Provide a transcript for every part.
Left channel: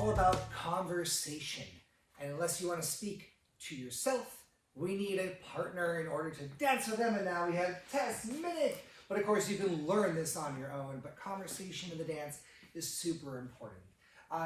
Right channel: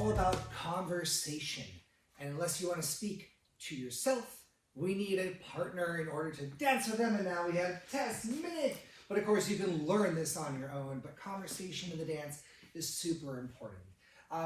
all about conversation. And unless you want to speak to yourself, we need a partner in order to dance with them. And now we have Tess, Minnick. But of course, you can learn this on your own. But conversation in the dance is super important.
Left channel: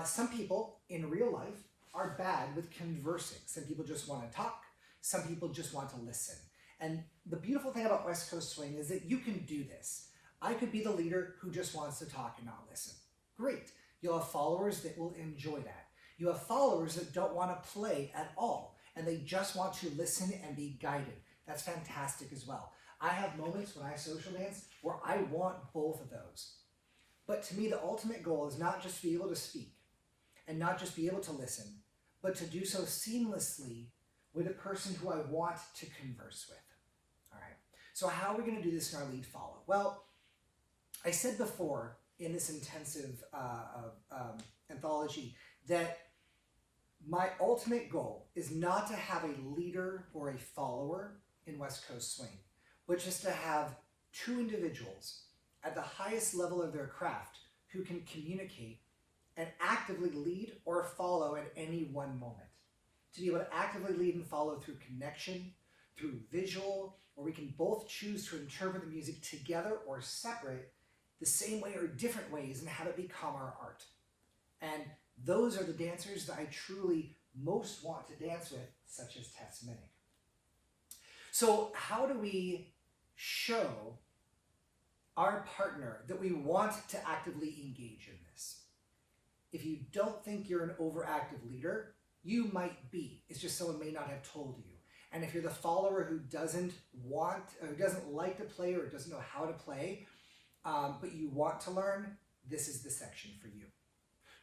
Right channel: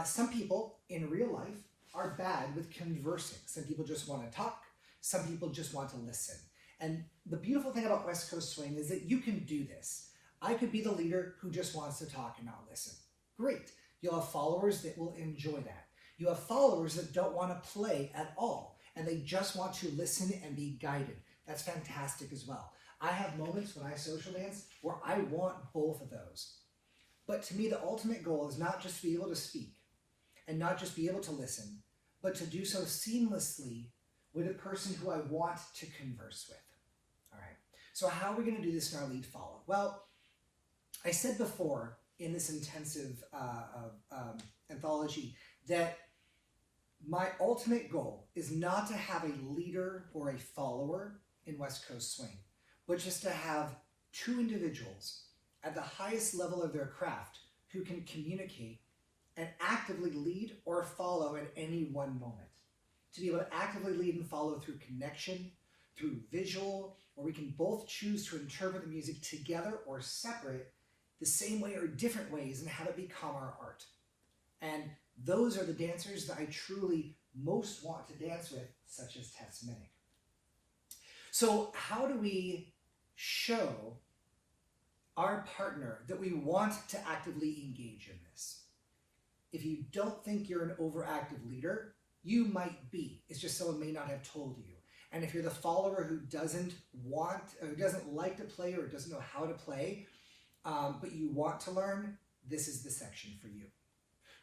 Some people in real life are bad with conversing. Some people just want to talk. Some people just want to listen. And the beautiful thing about West Coast Swing is that you can do this. I could be the leader who just wants to talk and not listen. Great. You'll have followers that will enjoy that. You have followers that don't want to play at all, and they just want to listen and be guided. That's fantastic as well. I have moments when I social dance where I want both of those. But to me, the ultimate goal is not just to be able to speak and not just be able to listen, but to do so seamlessly with a person who I want to converse with. All right. So how are we going to do this in our lead follow? Well, I said before in this intensive anthology that my ultimate goal is not to have a leader or a follower in West Coast Swing, but just to have two individuals at the highest level of their craft who can communicate and actively lead or follow at any one moment. To be able to actively lead and follow through connection, through visual, where we can both choose to interpret the music together or separate the same way or different ways and have it become our art. And those are the dancers that I truly most want to dance with, such as Tess, Minnick. So how do we show our partner that we want to actively engage in this? If you don't think you're an overactive leader, you might be. It's just someone may not have told you. And if you're the follower who doesn't like to play or doesn't know how to play, but you want to learn, this is the section for you.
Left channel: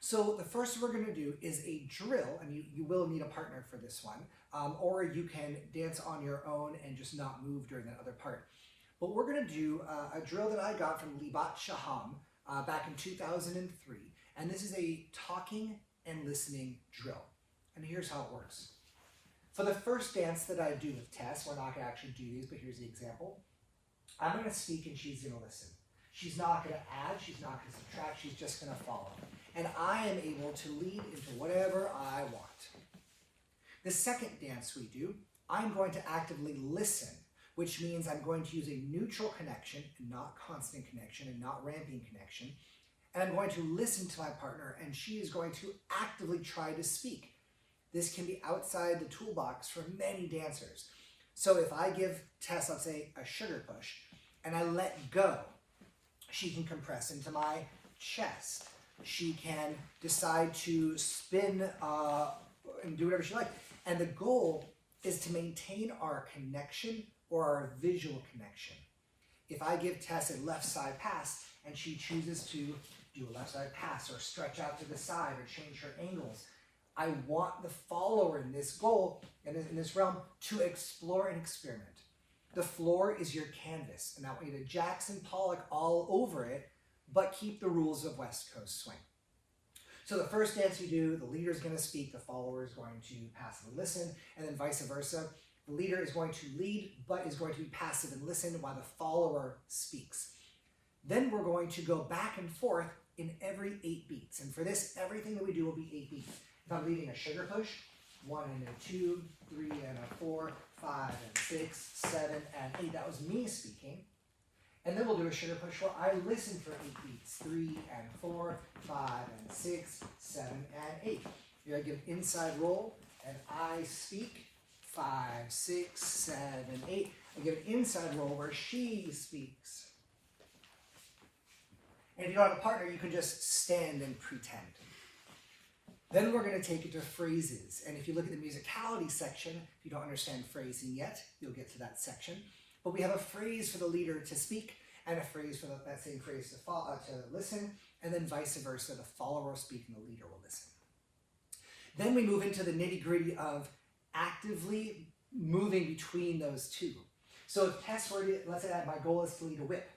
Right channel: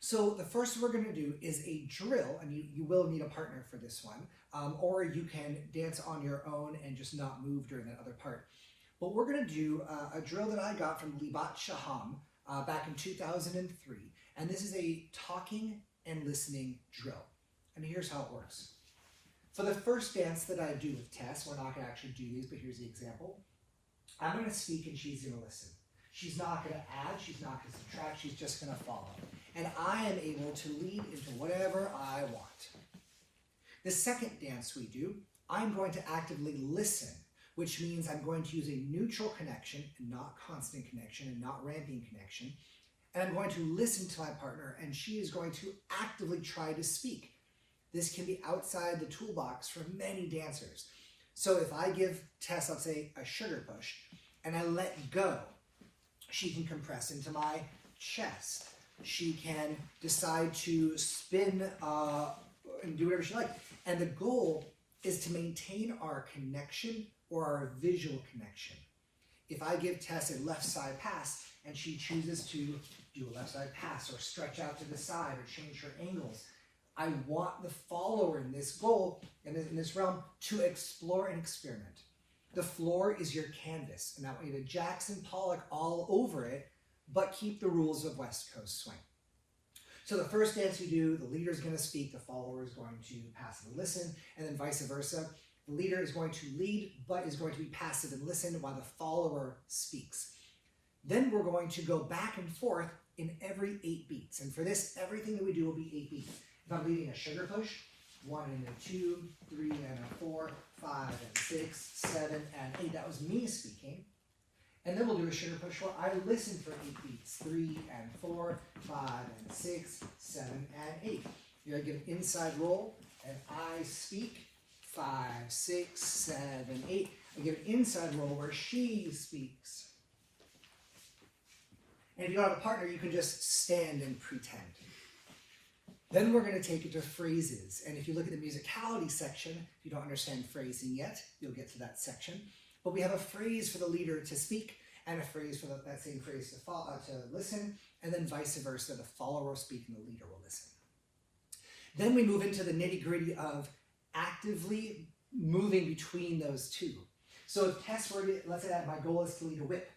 So the first we're going to do is a drill, and you will need a partner for this one, or you can dance on your own and just not move during that other part. But we're going to do a drill that I got from Leify Green back in 2003, and this is a talking and listening drill. And here's how it works. For the first dance that I do with Tess, we're not going to actually do these, but here's the example. I'm going to speak and she's going to listen. She's not going to add, she's not going to subtract, she's just going to follow. And I am able to lead into whatever I want. The second dance we do, I'm going to actively listen, which means I'm going to use a neutral connection and not constant connection and not ramping connection. And I'm going to listen to my partner, and she is going to actively try to speak. This can be outside the toolbox for many dancers. So if I give Tess, let's say, a sugar push, and I let go, she can compress into my chest. She can decide to spin and do whatever she likes. And the goal is to maintain our connection or our visual connection. If I give Tess a left side pass and she chooses to do a left side pass or stretch out to the side or change her angles, I want the follower in this goal, in this realm, to explore and experiment. The floor is your canvas, and I want you to Jackson Pollock all over it, but keep the rules of West Coast Swing. So the first dance you do, the leader is going to speak, the follower is going to pass and listen, and then vice versa. The leader is going to lead, but is going to be passive and listen while the follower speaks. Then we're going to go back and forth in every 8 beats. And for this, everything that we do will be 8 beats. If I'm leading a sugar push, 1 and a 2, 3 and a 4, 5 and 6, 7 and 8. That was me speaking. And then we'll do a sugar push where I listen for 8 beats. 3 and 4, 5 and 6, 7 and 8. You're going to give an inside roll, and I speak. 5, 6, 7, 8. I give an inside roll where she speaks. And if you don't have a partner, you can just stand and pretend. Then we're going to take it to phrases. And if you look at the musicality section, if you don't understand phrasing yet, you'll get to that section. But we have a phrase for the leader to speak and a phrase for that same phrase to listen, and then vice versa. The follower will speak and the leader will listen. Then we move into the nitty-gritty of actively moving between those two. So if Tess were to, let's say that my goal is to lead a whip,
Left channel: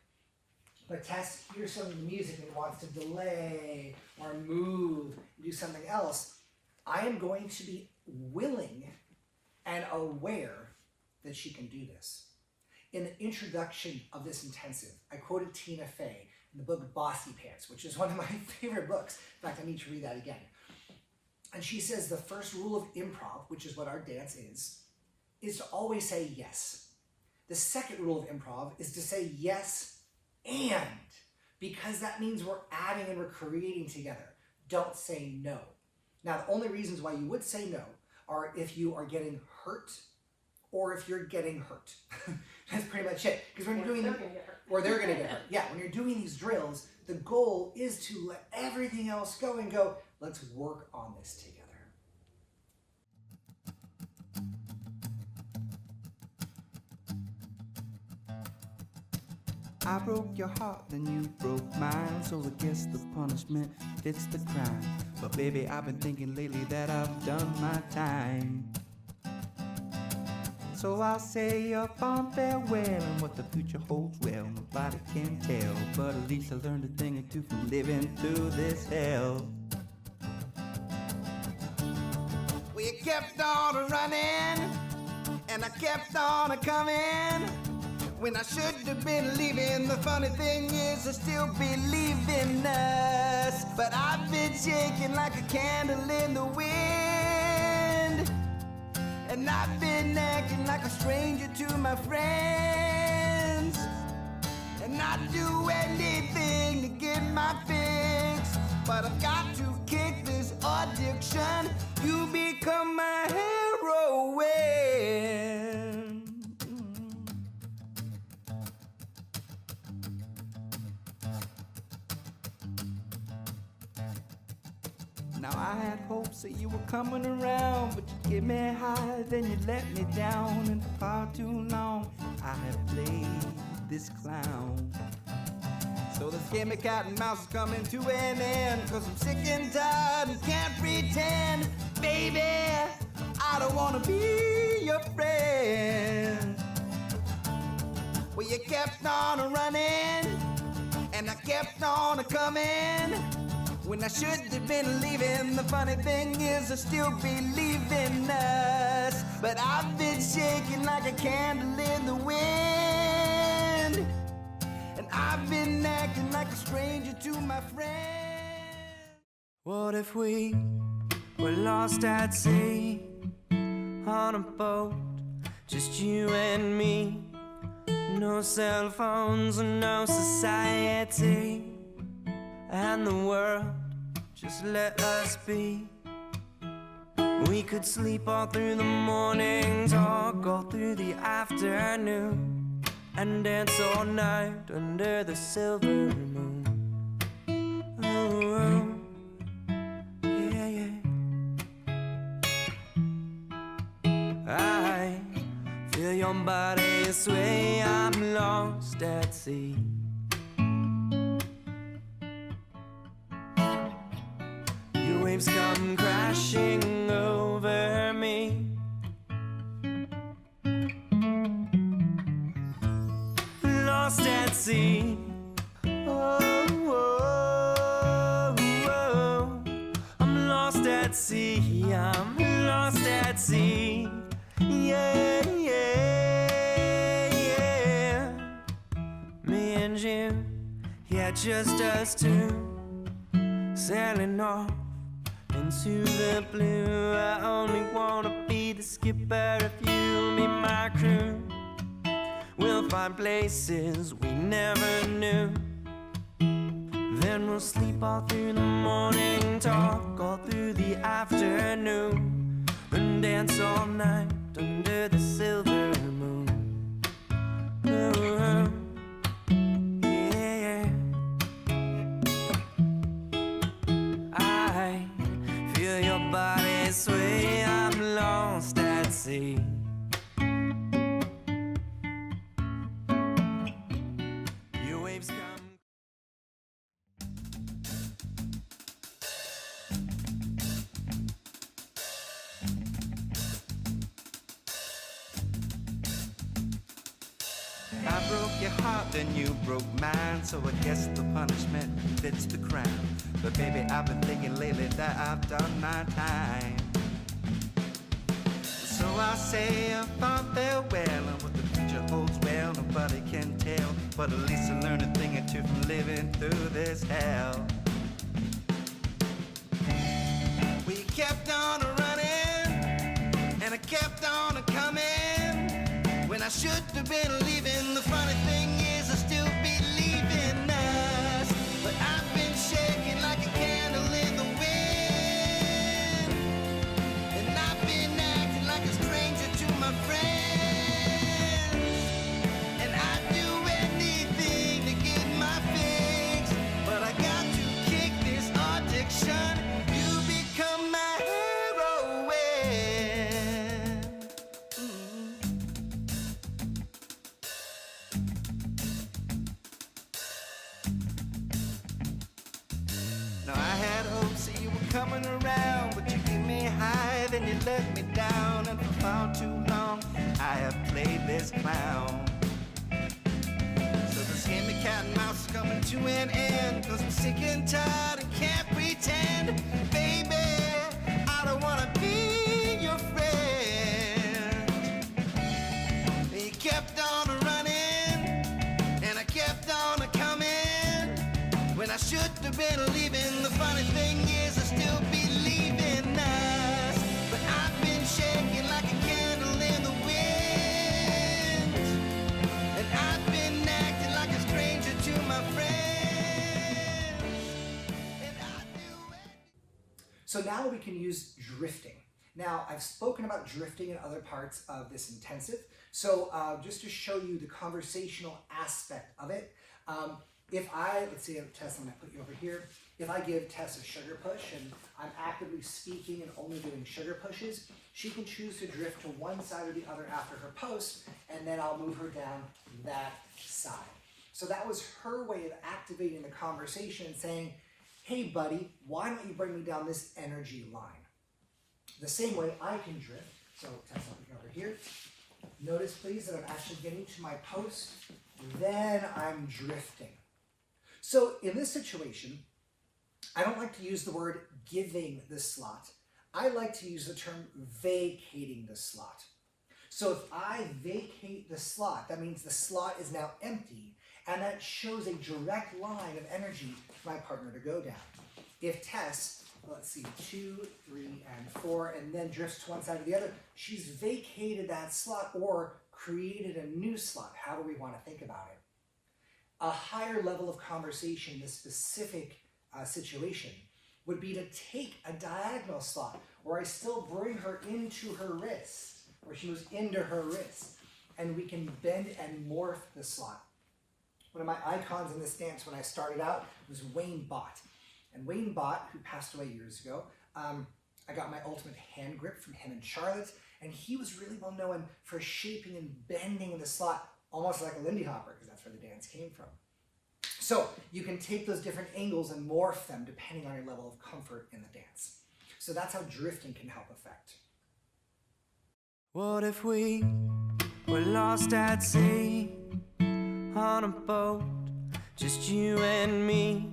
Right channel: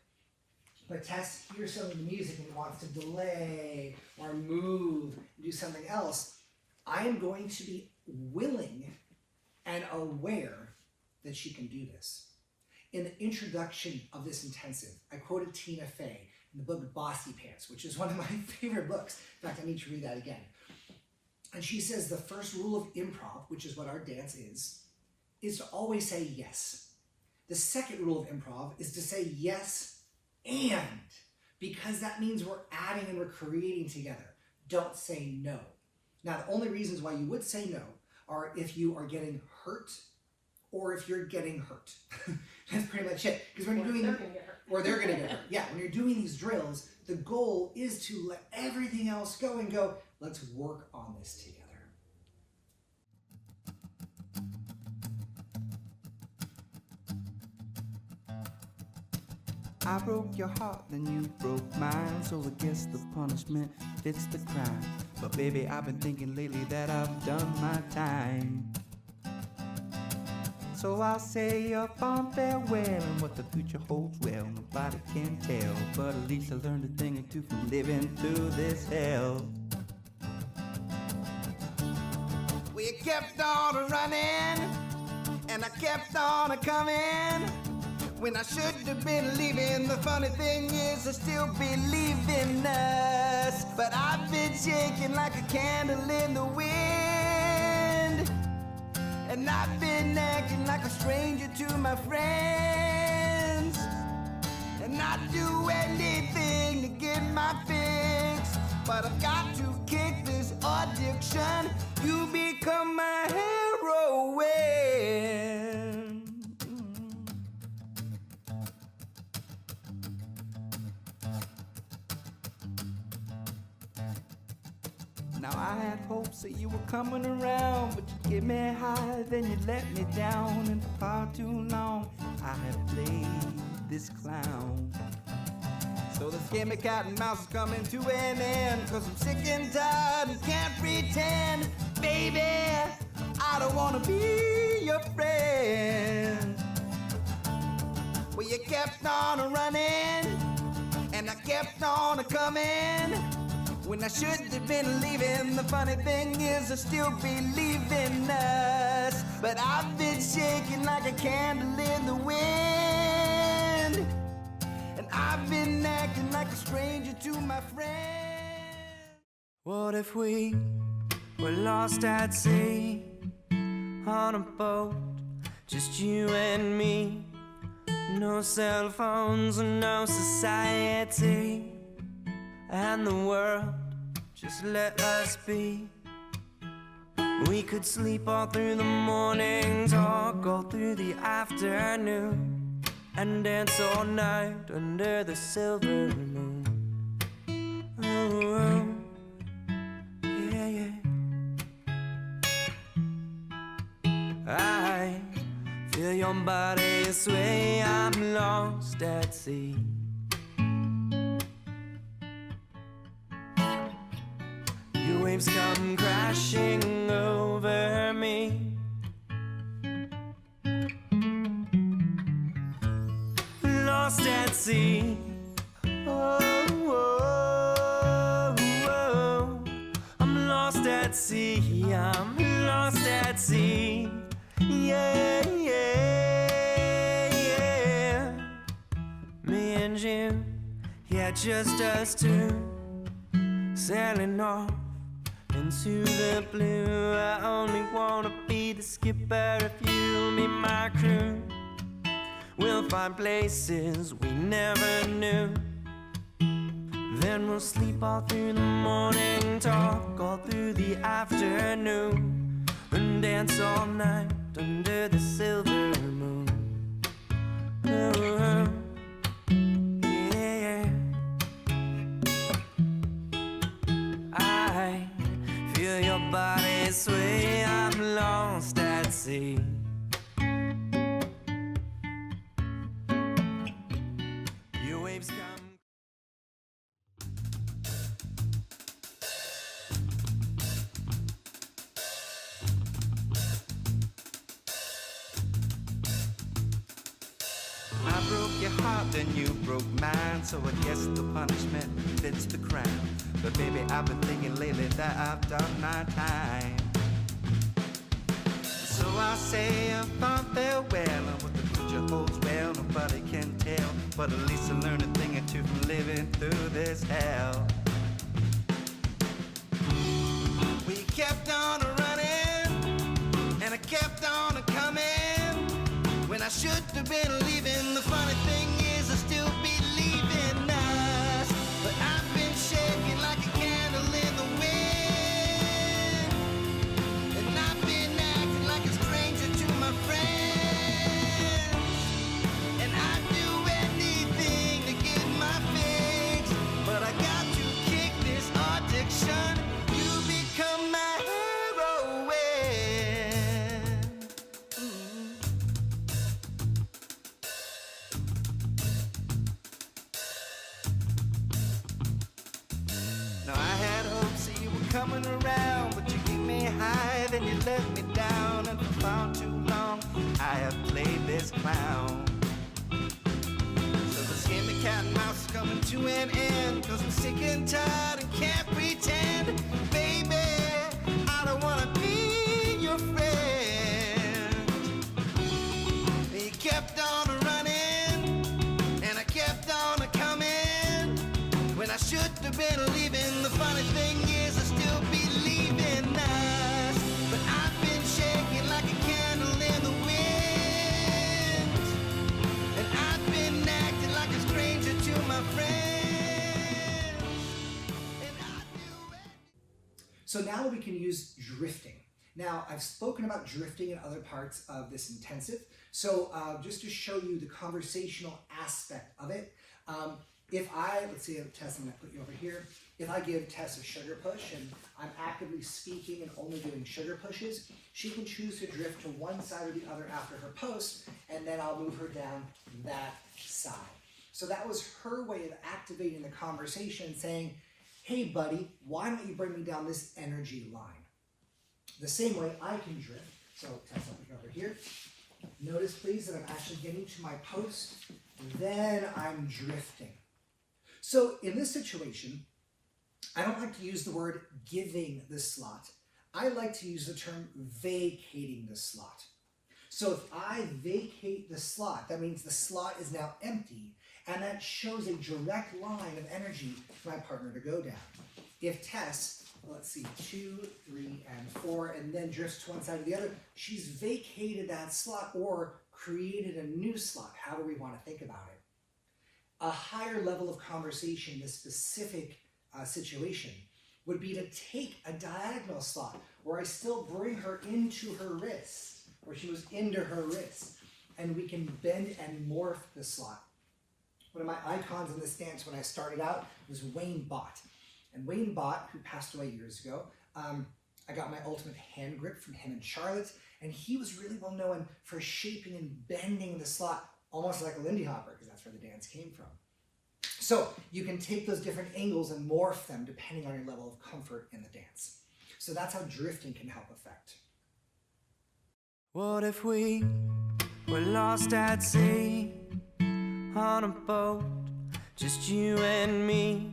but Tess hears something in the music and wants to delay or move, do something else, I am going to be willing and aware that she can do this. In the introduction of this intensive, I quoted Tina Fey in the book Bossy Pants, which is one of my favorite books. In fact, I need to read that again. And she says the first rule of improv, which is what our dance is to always say yes. The second rule of improv is to say yes and, because that means we're adding and we're creating together. Don't say no. Now, the only reasons why you would say no are if you are getting hurt or if you're getting hurt. That's pretty much it. Because when you're doing or they're going to get hurt. Yeah, when you're doing these drills, the goal is to let everything else go and go, let's work on this together. I broke your heart, then you broke mine. So I guess the punishment fits the crime. But baby, I've been thinking lately that I've done my time. So I'll say a fond farewell, and what the future holds, well, nobody can tell. But at least I learned a thing or two from living through this hell. We kept on running, and I kept on coming. When I should have been leaving, the funny thing is I still believe in us. But I've been shaking like a candle in the wind, and I've been acting like a stranger to my friends. And I'd do anything to get my fix, but I've got to kick this addiction. You become my heroine. Now I had hopes that you were coming around, but you get me high, then you let me down. And for far too long I have played this clown. So this game of cat and mouse is coming to an end, 'cause I'm sick and tired and can't pretend. Baby, I don't wanna be your friend. Well, you kept on running, and I kept on coming. When I should have been leaving, the funny thing is I still believe in us. But I've been shaking like a candle in the wind, and I've been acting like a stranger to my friends. What if we were lost at sea, on a boat, just you and me? No cell phones and no society, and the world just let us be. We could sleep all through the morning, talk all through the afternoon, and dance all night under the silver moon. Oh, oh, yeah, yeah. I feel your body sway, I'm lost at sea. Waves come crashing over me. Lost at sea. Oh, oh, oh. I'm lost at sea. I'm lost at sea. Yeah, yeah, yeah. Me and you, yeah, just us two, sailing off into the blue. I only wanna be the skipper if you'll be my crew. We'll find places we never knew. Then we'll sleep all through the morning, talk all through the afternoon, and dance all night under the silver moon. Oh, oh. Your body sway, I'm lost at sea. Your waves come. I broke your heart, then you broke mine. So I guess the punishment fits the crime. But baby, I've been thinking lately that I've done my time. So I'll say a fond farewell, and what the future holds, well, nobody can tell. But at least I learned a thing or two from living through this hell. We We kept on running, and I kept on coming. When I should have been leaving, the funny thing is I still believe in us. But I've been shaking like a candle in the wind, and I've been acting like a stranger to my friends. And I'd do anything to get my fix, but I got to kick this addiction. You become my heroine. Now I had hopes that you were coming around, but you gave me high, then you let me down, and for far too long I have played this clown. So this game of cat and mouse is coming to an end, 'cause I'm sick and tired and can't pretend. Baby, I don't wanna be your friend. You kept on running, and I kept on coming. When I should have been leaving, the funny thing is I still believe in us. But I've been shaking like a candle in the wind, and I've been acting like a stranger to my friends. And I do it. So now we can use drifting. Now, I've spoken about drifting in other parts of this intensive. So just to show you the conversational aspect of it, let's see, Tess, I'm gonna put you over here. If I give Tess a sugar push and I'm actively speaking and only doing sugar pushes, she can choose to drift to one side or the other after her post, and then I'll move her down that side. So that was her way of activating the conversation and saying, hey buddy, why don't you bring me down this energy line? The same way I can drift. So Tess, I'll put you over here. Notice please that I'm actually getting to my post, then I'm drifting. So in this situation, I don't like to use the word giving the slot. I like to use the term vacating the slot. So if I vacate the slot, that means the slot is now empty, and that shows a direct line of energy for my partner to go down. If Tess, let's see, 2, 3, and 4, and then drifts to one side or the other, she's vacated that slot or created a new slot, however we want to think about it. A higher level of conversation in this specific situation would be to take a diagonal slot where I still bring her into her wrist, where she was into her wrist, and we can bend and morph the slot. One of my icons in this dance when I started out was Wayne Bott. And Wayne Bott, who passed away years ago, I got my ultimate hand grip from him and Charlotte, and he was really well known for shaping and bending the slot almost like a Lindy Hopper, because that's where the dance came from. So you can take those different angles and morph them depending on your level of comfort in the dance. So that's how drifting can help affect. What if we were lost at sea on a boat, just you and me?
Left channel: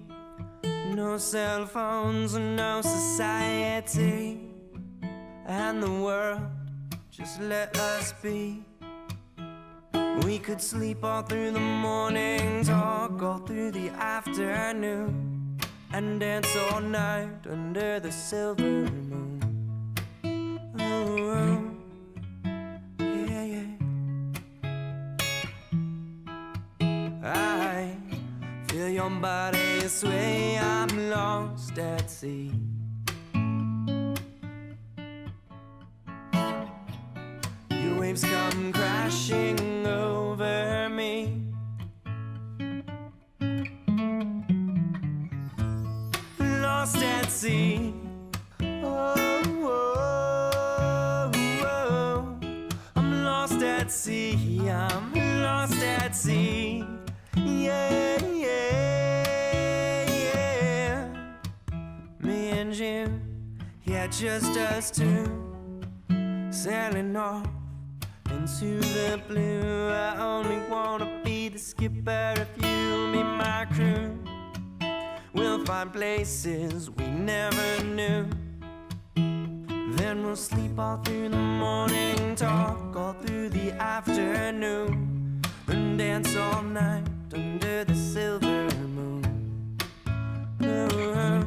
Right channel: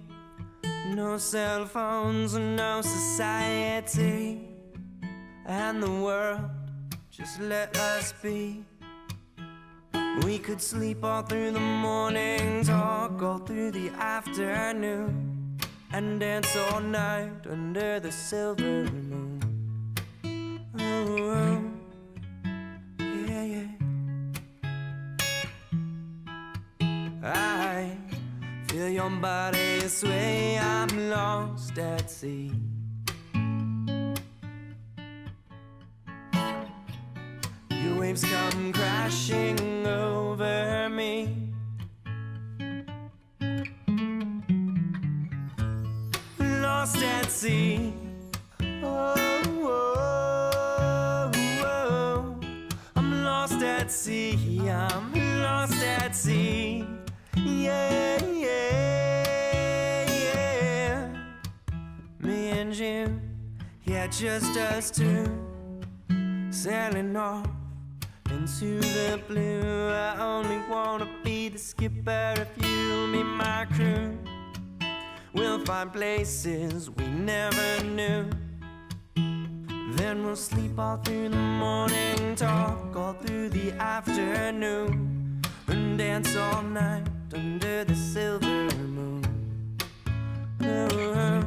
No cell phones and no society, and the world just let us be. We could sleep all through the morning, talk all through the afternoon, and dance all night under the silver moon. Oh, yeah, yeah. I feel your body sway, I'm lost at sea. Your waves come crashing over me. Lost at sea. Oh, oh, oh. I'm lost at sea. I'm lost at sea. Yeah, yeah, yeah. Me and you, yeah, just us two, sailing off into the blue. I only wanna be the skipper if you'll be my crew. We'll find places we never knew. Then we'll sleep all through the morning, talk all through the afternoon, and dance all night under the silver moon. Oh,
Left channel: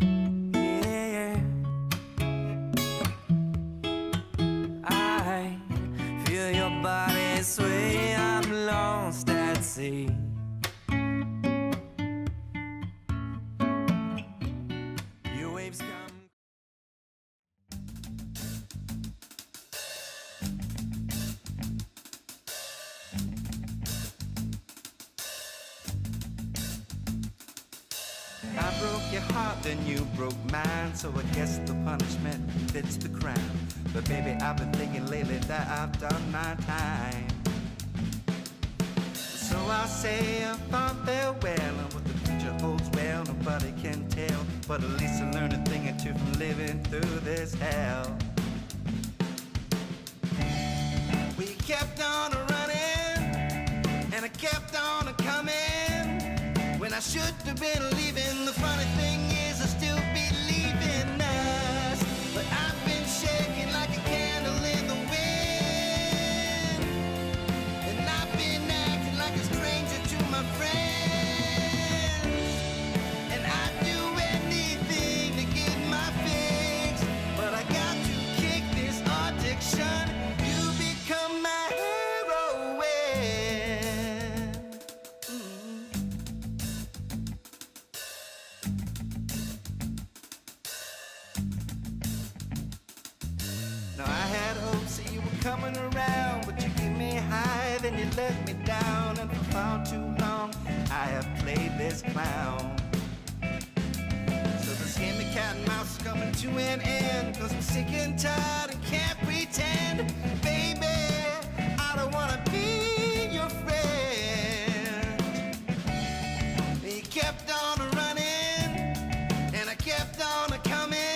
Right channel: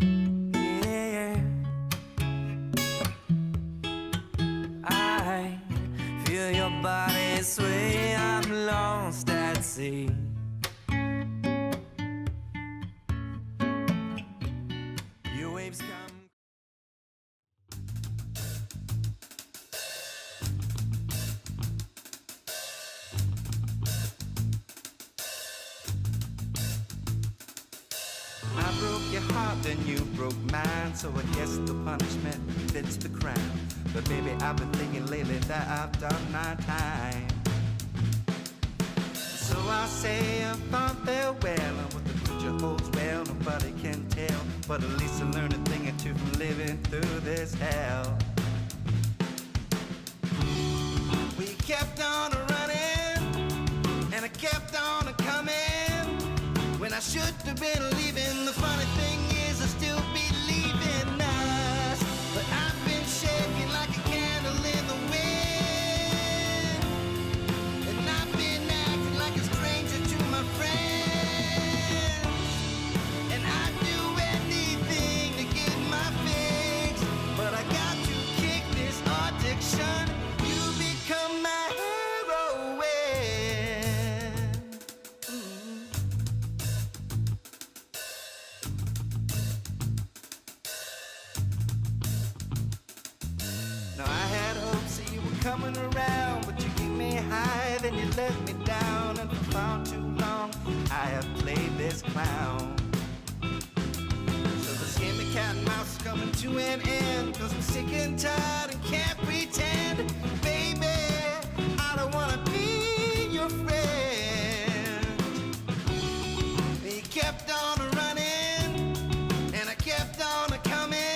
yeah, yeah. I broke your heart, then you broke mine, so I guess the punishment fits the crime. But baby, I've been thinking lately that I've done my time. So I say a fond farewell, and what the future holds, well, nobody can tell. But at least I learned a thing or two from living through this hell. We kept on running, and I kept on coming. When I should have been leaving, the funny thing is I still believe in us. But I've been shaking like a candle in the wind, and I've been acting like a stranger to my friends. And I'd do anything to get my fix, but I got to kick this addiction. You become my heroine. Now I had hopes that you were coming around, but you gave me high, then you let me down, and for far too long I have played this clown. So this game of cat and mouse is coming to an end, 'cause I'm sick and tired and can't pretend. Baby, I don't wanna be your friend. You kept on running, and I kept on coming.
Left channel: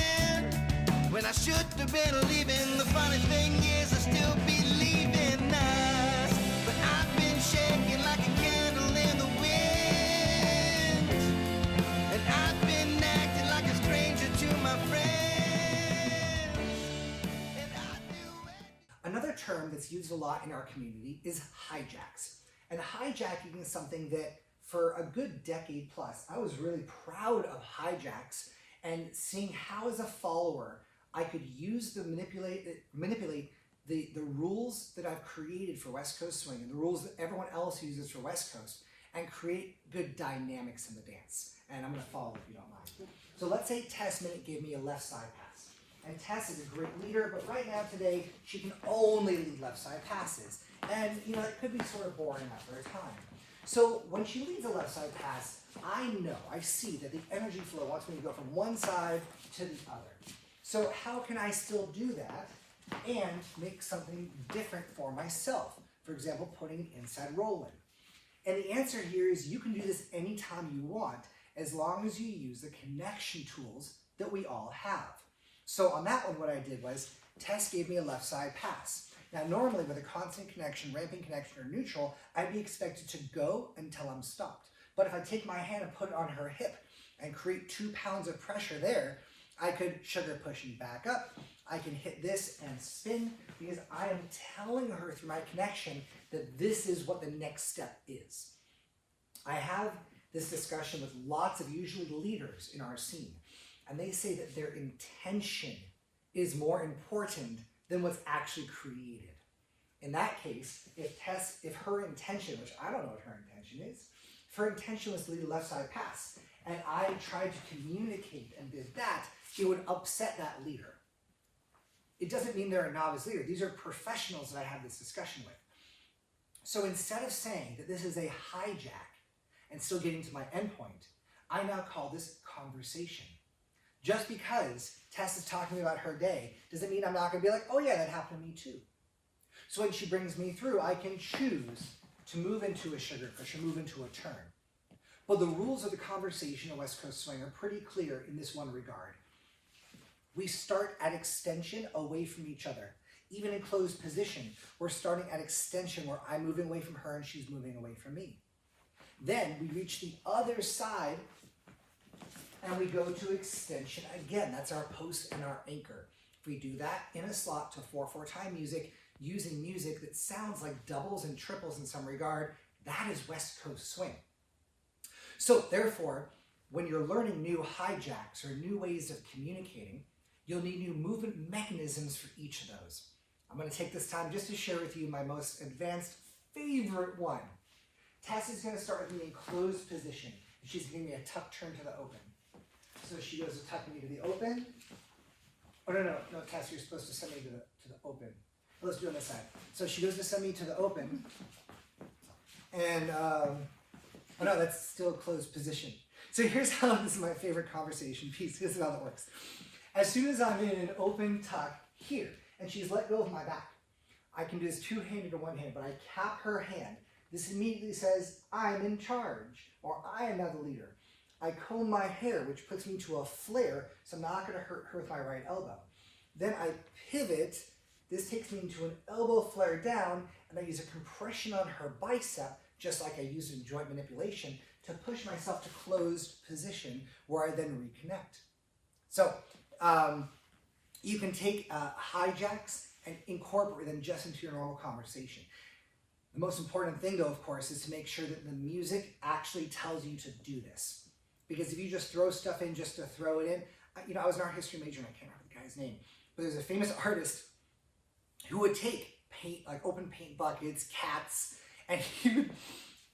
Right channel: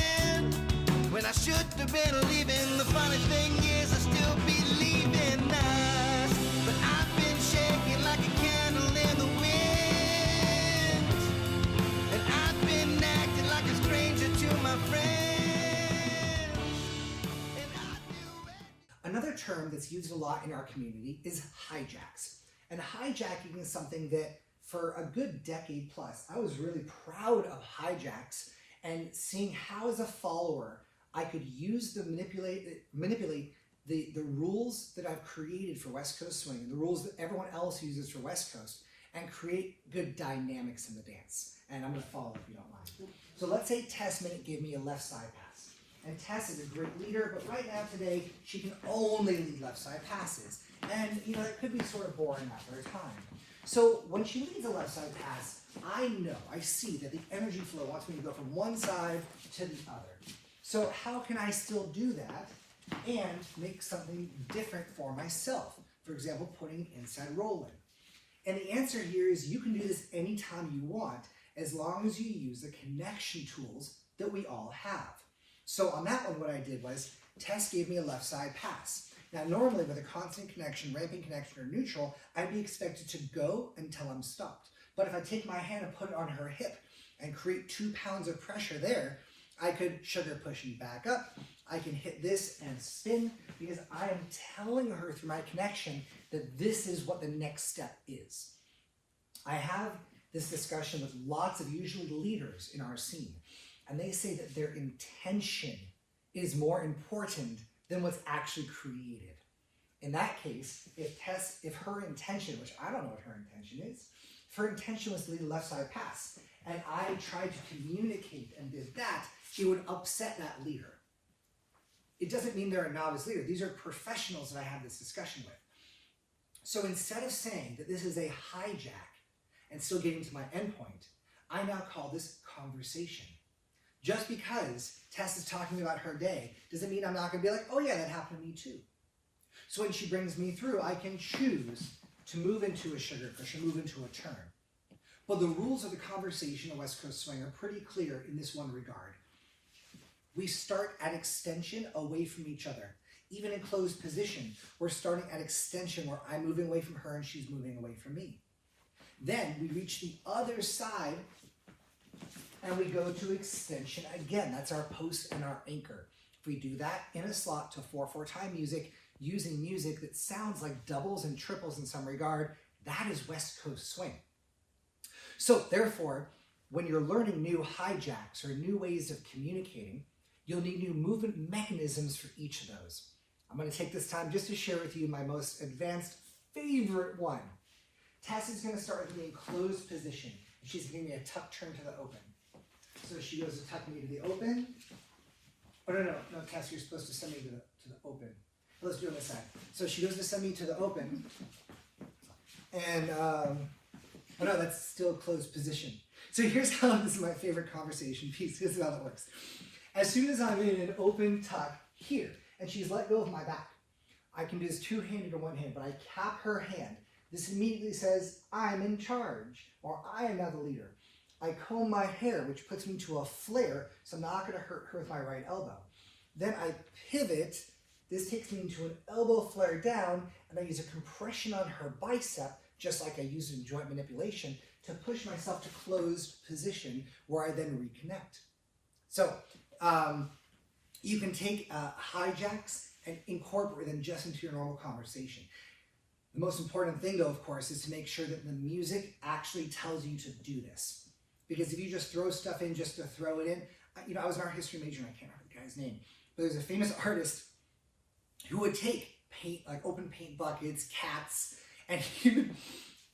When I should have been leaving, the funny thing is I still believe in us. But I've been shaking like a candle in the wind, and I've been acting like a stranger to my friends. And I do it. Another term that's used a lot in our community is hijacks. And hijacking is something that for a good decade plus, I was really proud of hijacks and seeing how as a follower I could use to manipulate the rules that I've created for West Coast swing and the rules that everyone else uses for West Coast and create good dynamics in the dance. And I'm going to follow if you don't mind. So let's say Tess Minnick gave me a left side pass. And Tess is a great leader, but right now today she can only lead left side passes. And you know, it could be sort of boring after a time. So when she leads a left side pass, I see that the energy flow wants me to go from one side to the other. So how can I still do that and make something different for myself? For example, putting an inside roll in. And the answer here is you can do this anytime you want, as long as you use the connection tools that we all have. So on that one, what I did was, Tess gave me a left side pass. Now normally with a constant connection, ramping connection, or neutral, I'd be expected to go until I'm stopped. But if I take my hand and put it on her hip and create 2 pounds of pressure there, I could sugar pushing back up. I can hit this and spin because I am telling her through my connection that this is what the next step is. I have this discussion with lots of usually leaders in our scene, and they say that their intention is more important than what's actually created. In that case, if her intention, which I don't know what her intention is, if her intention was to lead a left side pass, and I tried to communicate and did that, it would upset that leader. It doesn't mean they're a novice leader. These are professionals that I had this discussion with. So instead of saying that this is a hijack and still getting to my endpoint, I now call this conversation. Just because Tess is talking about her day doesn't mean I'm not going to be like, oh yeah, that happened to me too. So when she brings me through, I can choose to move into a sugar push or move into a turn. But the rules of the conversation of West Coast swing are pretty clear in this one regard. We start at extension away from each other. Even in closed position, we're starting at extension where I'm moving away from her and she's moving away from me. Then we reach the other side and we go to extension again. That's our post and our anchor. If we do that in a slot to 4/4 time music, using music that sounds like doubles and triples in some regard, that is West Coast swing. So therefore, when you're learning new hijacks or new ways of communicating, you'll need new movement mechanisms for each of those. I'm going to take this time just to share with you my most advanced favorite one. Tess is going to start with me in closed position. She's giving me a tuck turn to the open. So she goes to tuck me to the open. Oh, no, Tess, you're supposed to send me to the open. Let's do it on this side. So she goes to send me to the open. And, oh no, that's still closed position. So So here's how, this is my favorite conversation piece. This is how that works. As soon as I'm in an open tuck here, and she's let go of my back, I can do this two-handed or one-handed, but I cap her hand. This immediately says, I'm in charge, or I am now the leader. I comb my hair, which puts me to a flare, so I'm not going to hurt her with my right elbow. Then I pivot. This takes me into an elbow flare down, and I use a compression on her bicep, just like I use in joint manipulation, to push myself to closed position, where I then reconnect. So you can take hijacks and incorporate them just into your normal conversation. The most important thing, though, of course, is to make sure that the music actually tells you to do this. Because if you just throw stuff in just to throw it in, I was an art history major and I can't remember the guy's name, but there's a famous artist who would take paint, like open paint buckets, cats, and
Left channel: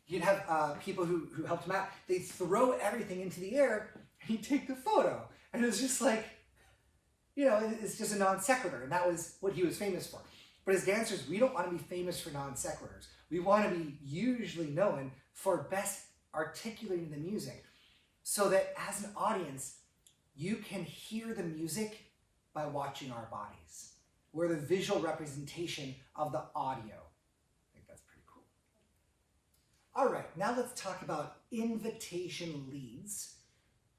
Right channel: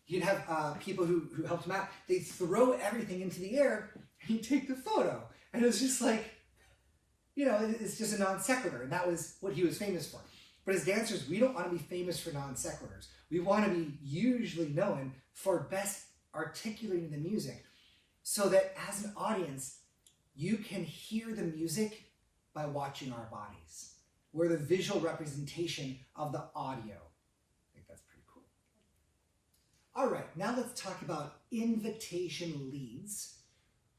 you'd have people who helped him out. They'd throw everything into the air and he'd take the photo. And it was just like, it's just a non sequitur, and that was what he was famous for. But as dancers, we don't want to be famous for non sequiturs. We want to be usually known for best articulating the music, so that as an audience, you can hear the music by watching our bodies. We're the visual representation of the audio. I think that's pretty cool. All right, now let's talk about invitation leads.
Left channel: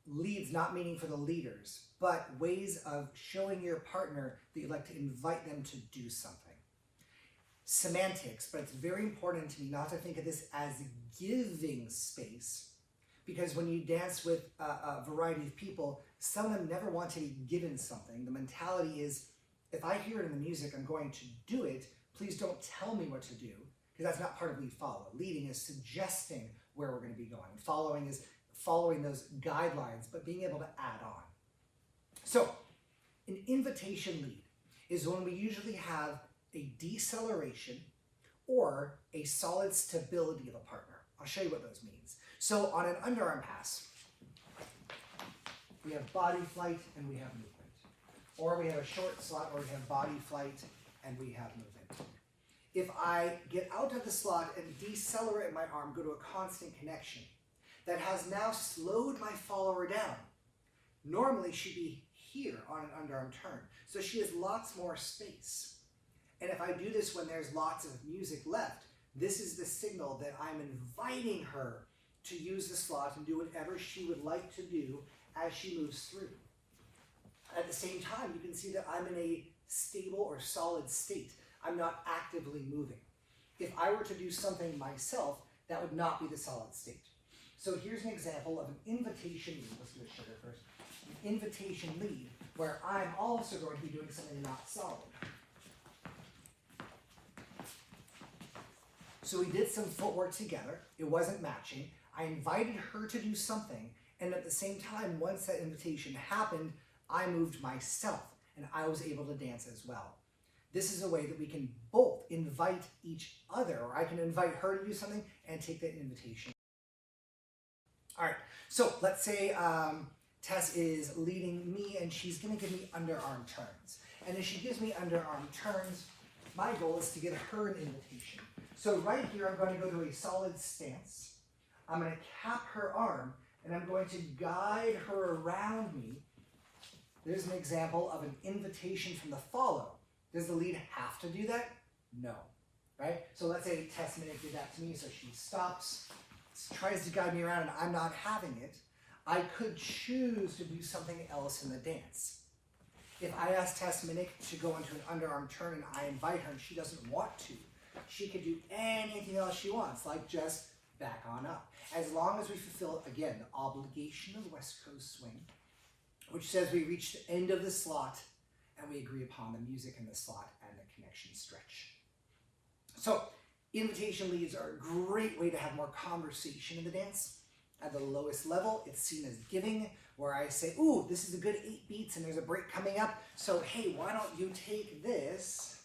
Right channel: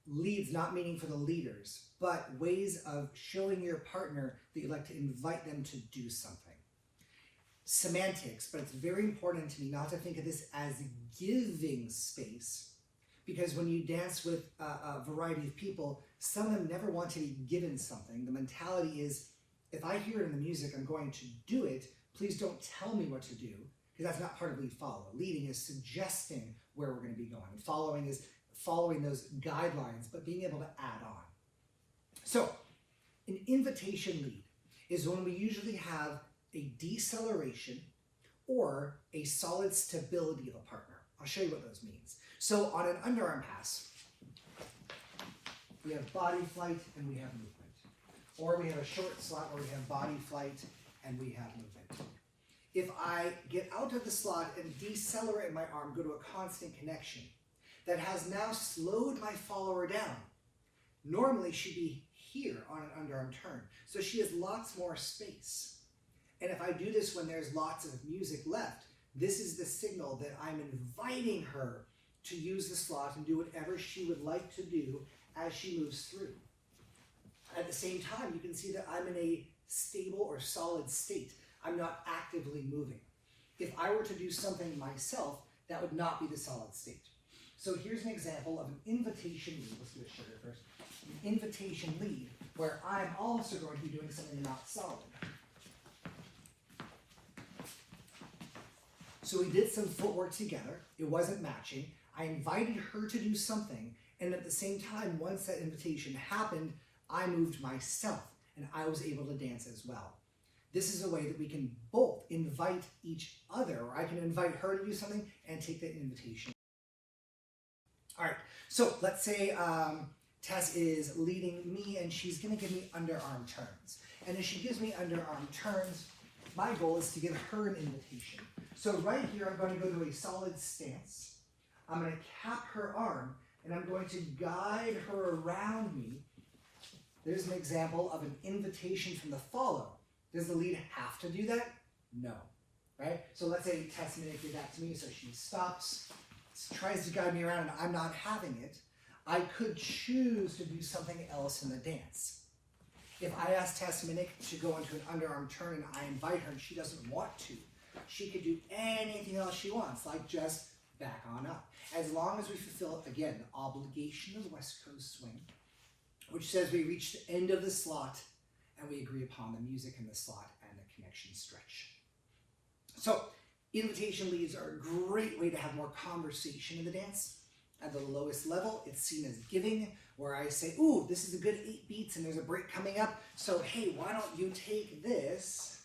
Leads not meaning for the leaders, but ways of showing your partner that you'd like to invite them to do something. Semantics, but it's very important to me not to think of this as giving space, because when you dance with a variety of people, some of them never want to be given something. The mentality is, if I hear it in the music, I'm going to do it. Please don't tell me what to do, because that's not part of lead follow. Leading is suggesting where we're going to be going. Following is following those guidelines, but being able to add on. So, an invitation lead is when we usually have a deceleration or a solid stability of a partner. I'll show you what those means. So on an underarm pass, we have body flight and we have movement. Or we have a short slot where we have body flight and we have movement. If I get out of the slot and decelerate my arm, go to a constant connection, that has now slowed my follower down. Normally she'd be here on an underarm turn, so she has lots more space. And if I do this when there's lots of music left, this is the signal that I'm inviting her to use the slot and do whatever she would like to do as she moves through. At the same time, you can see that I'm in a stable or solid state. I'm not actively moving. If I were to do something myself, that would not be the solid state. So here's an example of an invitation lead. Let's do a sugar first. An invitation lead where I'm also going to be doing something not solid. So we did some footwork together. It wasn't matching. I invited her to do something, and at the same time, once that invitation happened, I moved myself, and I was able to dance as well. This is a way that we can both invite each other, or I can invite her to do something and take that invitation. All right, so let's say Tess is leading me, and she's going to give me underarm turns. And as she gives me underarm turns, my goal is to give her an invitation. So right here, I'm going to go to a solid stance. I'm going to cap her arm, and I'm going to guide her around me. There's an example of an invitation from the follow. Does the lead have to do that? No, right? So let's say Tess Minnick did that to me, so she stops, tries to guide me around, and I'm not having it. I could choose to do something else in the dance. If I ask Tess Minnick to go into an underarm turn and I invite her and she doesn't want to, she could do anything else she wants, like just back on up. As long as we fulfill, again, the obligation of the West Coast swing, which says we reach the end of the slot and we agree upon the music in the slot and the connection stretch. So invitation leads are a great way to have more conversation in the dance. At the lowest level, it's seen as giving, where I say, ooh, this is a good 8 beats and there's a break coming up, so hey, why don't you take this?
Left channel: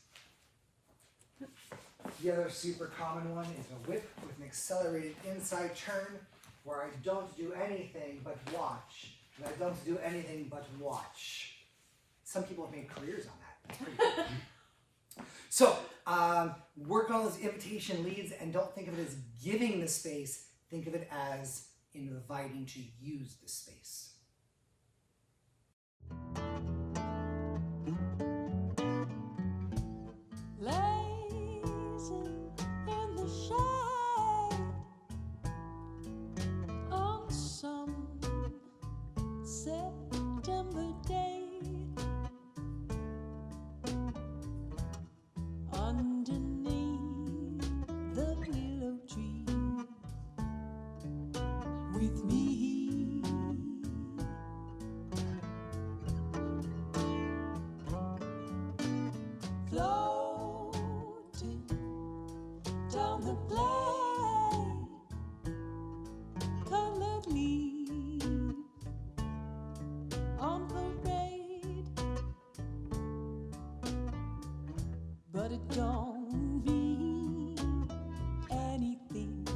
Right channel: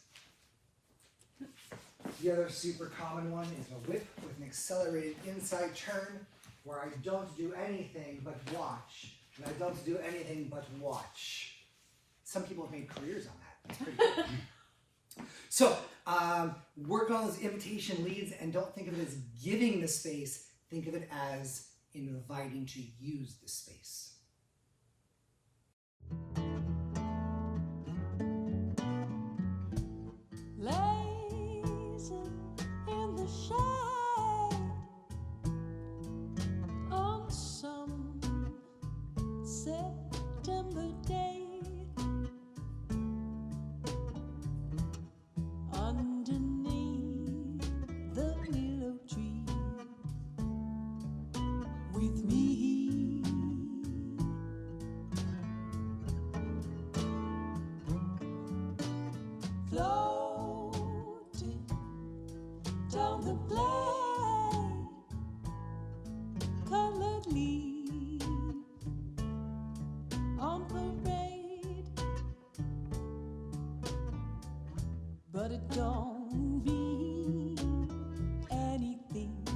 The other super common one is a whip with an accelerated inside turn, where I don't do anything but watch. And I don't do anything but watch. Some people have made careers on that. That's pretty cool. So, work on those invitation leads and don't think of it as giving the space. Think of it as inviting to use the space. Lazy in the shade on some September day, underneath the willow tree with me, floating down the blade, colored leaf on parade, but it don't mean anything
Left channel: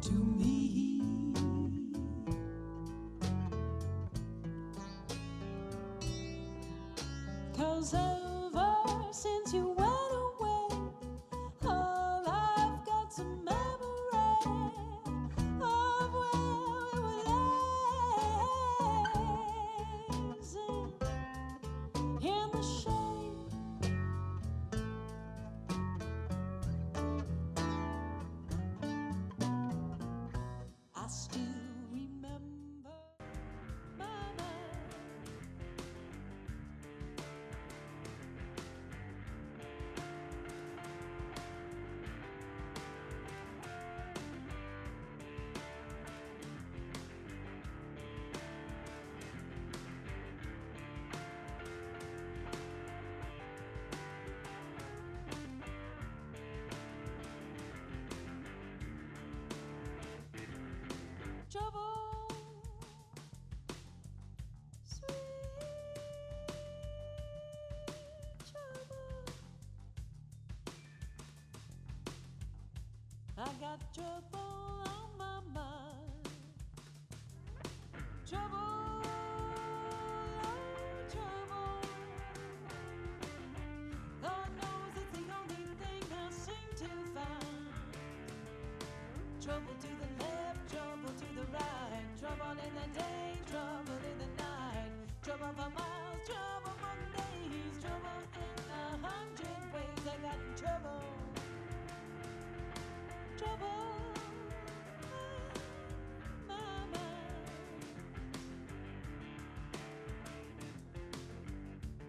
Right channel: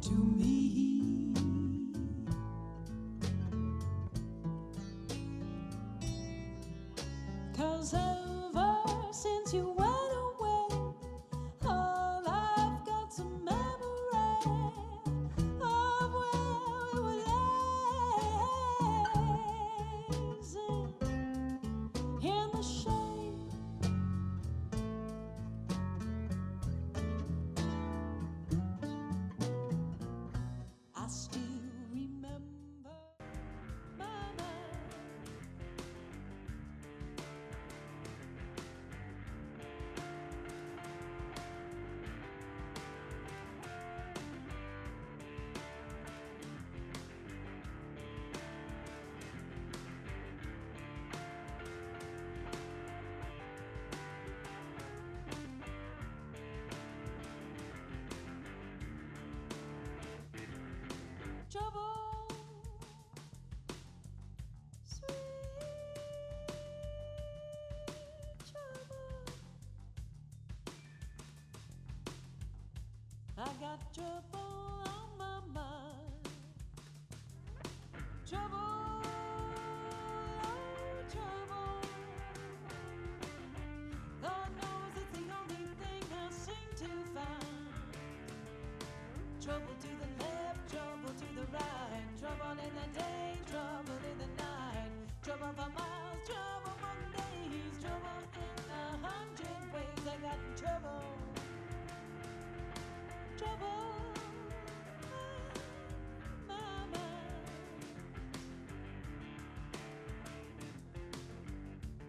to me, 'cause ever since you went away, all I've got's a memory of where we were lazing in the shade. I still remember my mind. Trouble, sweet trouble. I got trouble on my mind. Trouble, oh, trouble. God knows it's the only thing I seem to find. Trouble to the left, trouble to the right, trouble in the day, trouble in the night, trouble for miles, trouble for days, trouble in 100 ways. I got trouble, trouble in my mind.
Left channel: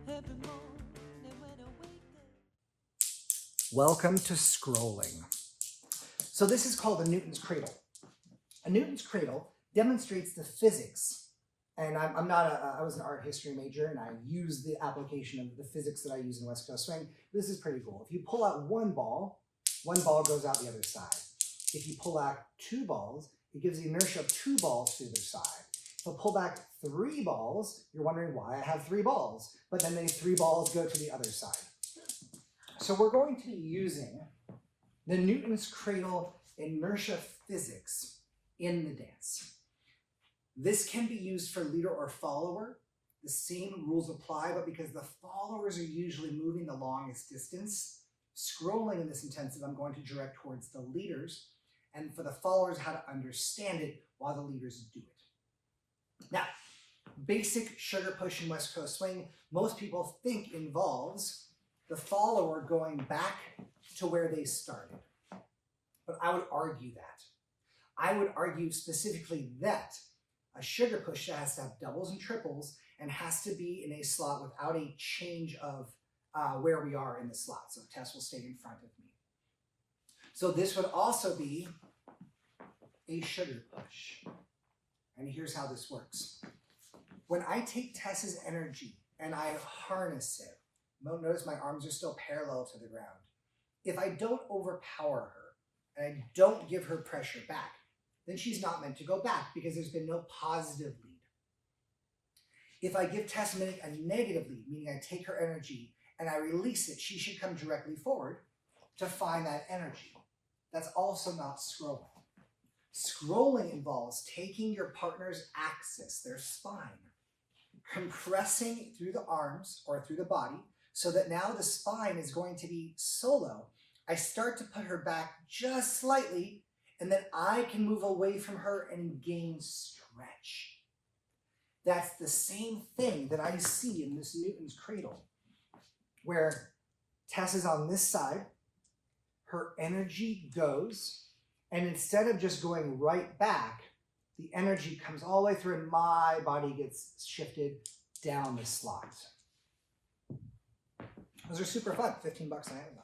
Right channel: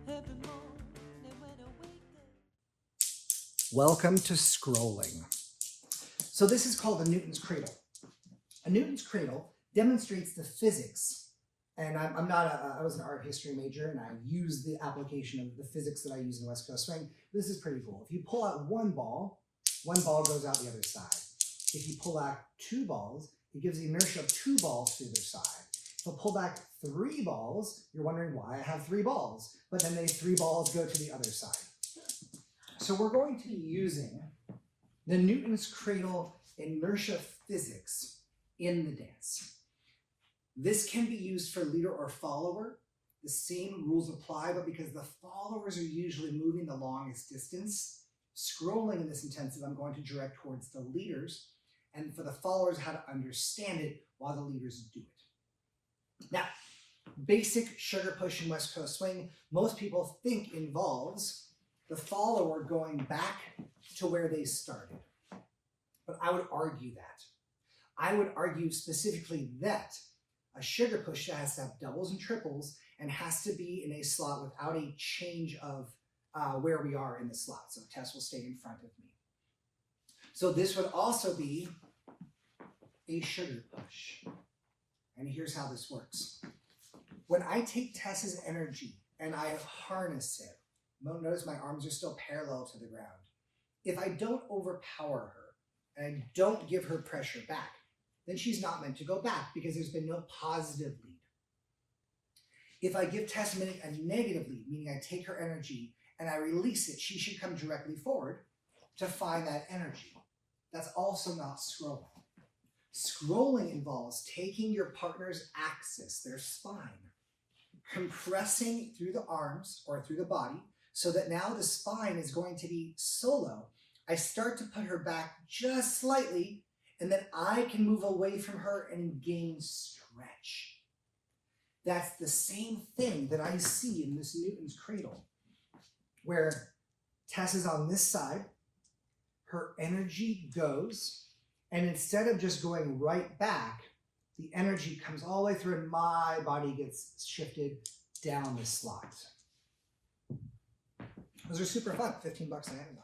Every morning when I wake up. Welcome to scrolling. So this is called a Newton's cradle. A Newton's cradle demonstrates the physics, and I was an art history major, and I use the application of the physics that I use in West Coast Swing. This is pretty cool. If you pull out one ball goes out the other side. If you pull out two balls, it gives the inertia of two balls to the other side. If I pull back three balls, you're wondering why I have three balls, but then the three balls go to the other side. So we're going to be using the Newton's cradle inertia physics in the dance. This can be used for leader or follower. The same rules apply, but because the followers are usually moving the longest distance, scrolling in this intensive, I'm going to direct towards the leaders, and for the followers, how to understand it while the leaders do it. Now, basic sugar push in West Coast Swing, most people think involves the follower going back to where they started. But I would argue that. I would argue specifically that a sugar push has to have doubles and triples and has to be in a slot without a change of where we are in the slot. So Tess will stay in front of me. So this would also be a sugar push. And here's how this works. When I take Tess's energy and I harness it, notice my arms are still parallel to the ground. If I don't overpower her and I don't give her pressure back, then she's not meant to go back because there's been no positive lead. If I give Tess Minnick a negative lead, meaning I take her energy and I release it, she should come directly forward to find that energy. That's also not scrolling. Scrolling involves taking your partner's axis, their spine, compressing through the arms or through the body so that now the spine is going to be solo. I start to put her back just slightly, and then I can move away from her and gain stretch. That's the same thing that I see in this Newton's cradle, where Tess is on this side, her energy goes, and instead of just going right back, the energy comes all the way through and my body gets shifted down the slot. Those are super fun. $15 on Amazon.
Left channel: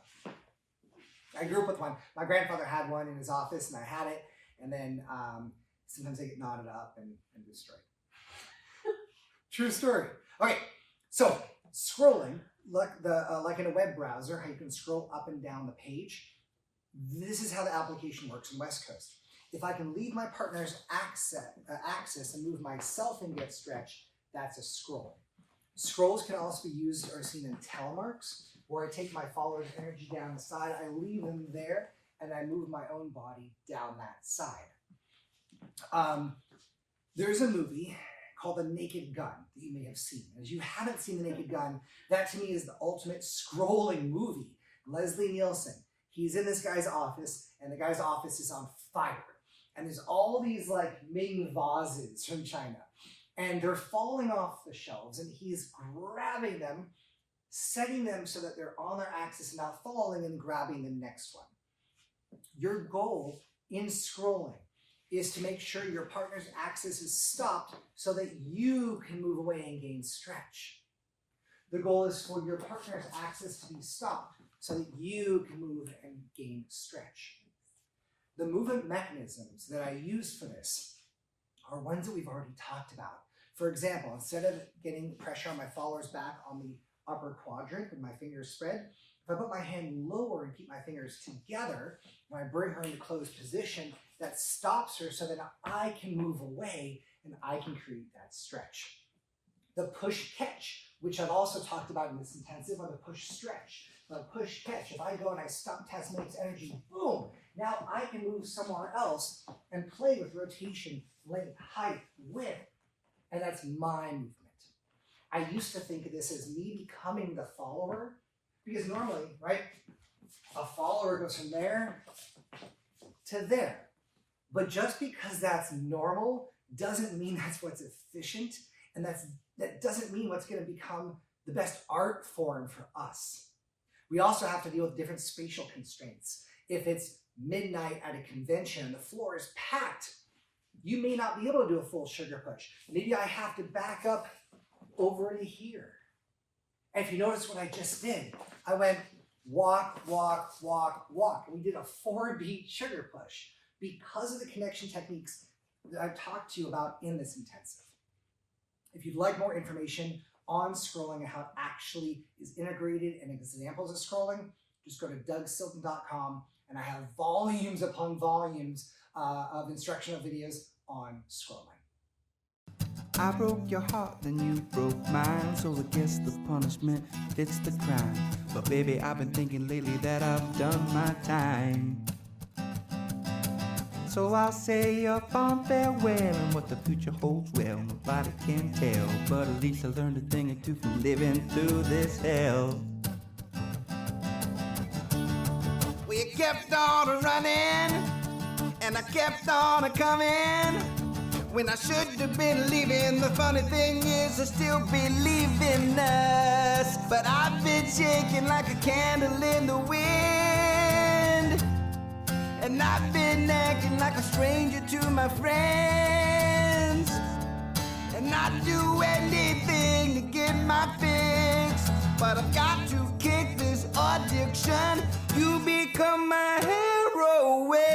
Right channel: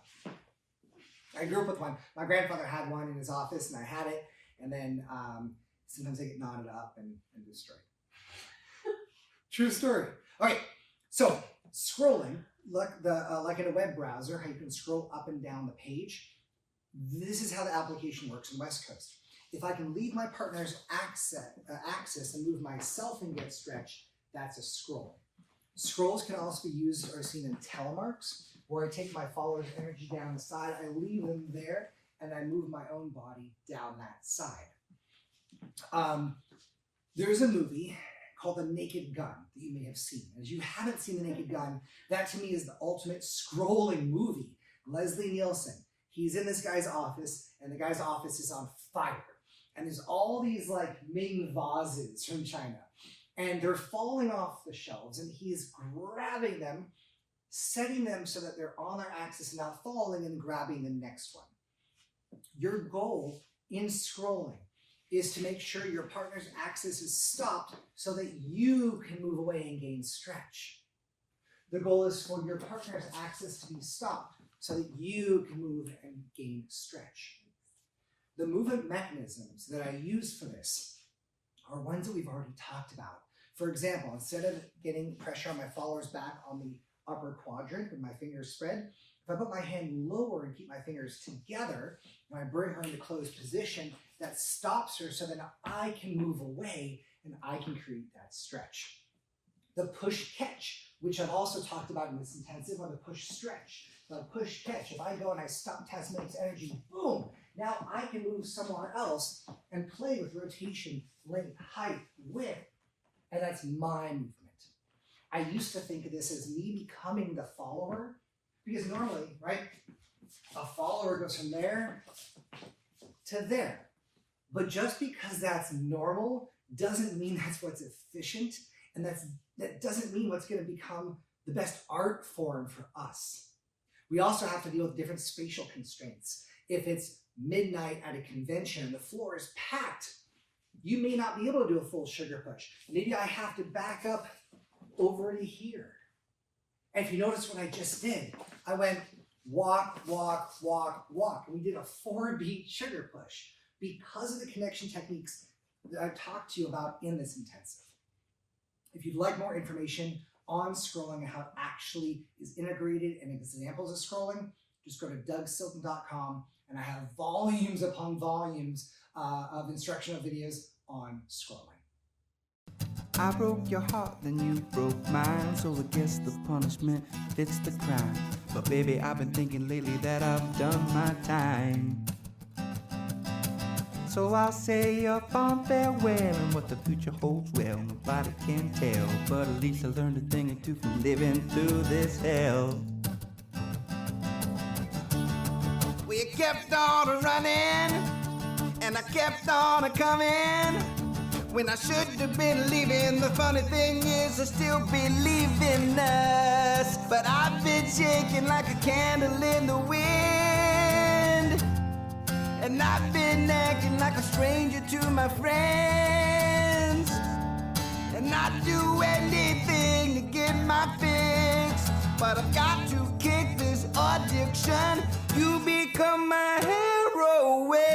I grew up with one. My grandfather had one in his office, and I had it. And then sometimes they get knotted up and destroyed. True story. Okay, so scrolling, like in a web browser, how you can scroll up and down the page. This is how the application works in West Coast. If I can leave my partner's axis and move myself and get stretch, that's a scroll. Scrolls can also be used or seen in telemarks, where I take my follower's energy down the side, I leave them there, and I move my own body down that side. There's a movie called The Naked Gun that you may have seen. As you haven't seen The Naked Gun, that to me is the ultimate scrolling movie. Leslie Nielsen, he's in this guy's office, and the guy's office is on fire. And there's all these like Ming vases from China. And they're falling off the shelves, and he's grabbing them, setting them so that they're on their axis and not falling, and grabbing the next one. Your goal in scrolling is to make sure your partner's axis is stopped so that you can move away and gain stretch. The goal is for your partner's axis to be stopped so that you can move and gain stretch. The movement mechanisms that I use for this are ones that we've already talked about. For example, instead of getting pressure on my follower's back on the upper quadrant with my fingers spread, if I put my hand lower and keep my fingers together, when I bring her into closed position, that stops her so that I can move away and I can create that stretch. The push catch, which I've also talked about in this intensive, or the push stretch. The push catch, if I go and I stop Tess Minnick's energy, boom, now I can move somewhere else and play with rotation, length, height, width, and that's my movement. I used to think of this as me becoming the follower, because normally, right, a follower goes from there to there. But just because that's normal doesn't mean that's what's efficient, and that doesn't mean what's going to become the best art form for us. We also have to deal with different spatial constraints. If it's midnight at a convention and the floor is packed, you may not be able to do a full sugar push. Maybe I have to back up over to here. And if you notice what I just did, I went walk, walk, walk, walk. And we did a 4-beat sugar push because of the connection techniques that I've talked to you about in this intensive. If you'd like more information on scrolling and how it actually is integrated and examples of scrolling, just go to dougsilton.com, and I have volumes upon volumes of instructional videos on scrolling. I broke your heart, then you broke mine, so I guess the punishment fits the crime. But baby, I've been thinking lately that I've done my time. So I'll say a fond farewell, and what the future holds, well, nobody can tell. But at least I learned a thing or two from living through this hell. We kept on running, and I kept on coming, when I should have been leaving. The funny thing is I still believe in us, but I've been shaking like a candle in the wind, and I've been acting like a stranger to my friends, and I'd do anything to get my fix, but I've got to kick this addiction. You become my heroine.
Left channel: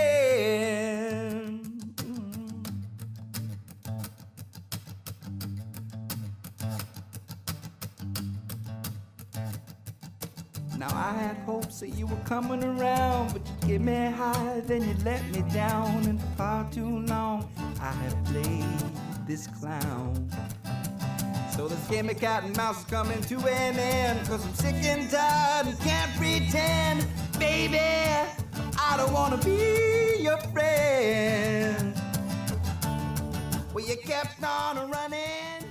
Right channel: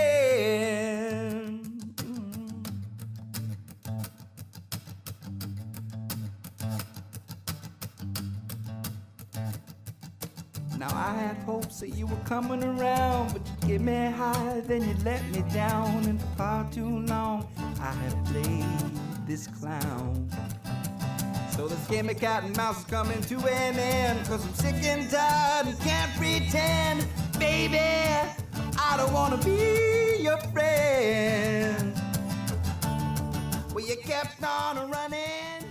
Now I had hopes that you were coming around, but you get me high, then you let me down. And for far too long I have played this clown. So this game of cat and mouse is coming to an end, 'cause I'm sick and tired and can't pretend. Baby, I don't wanna be your friend. Well, you kept on running.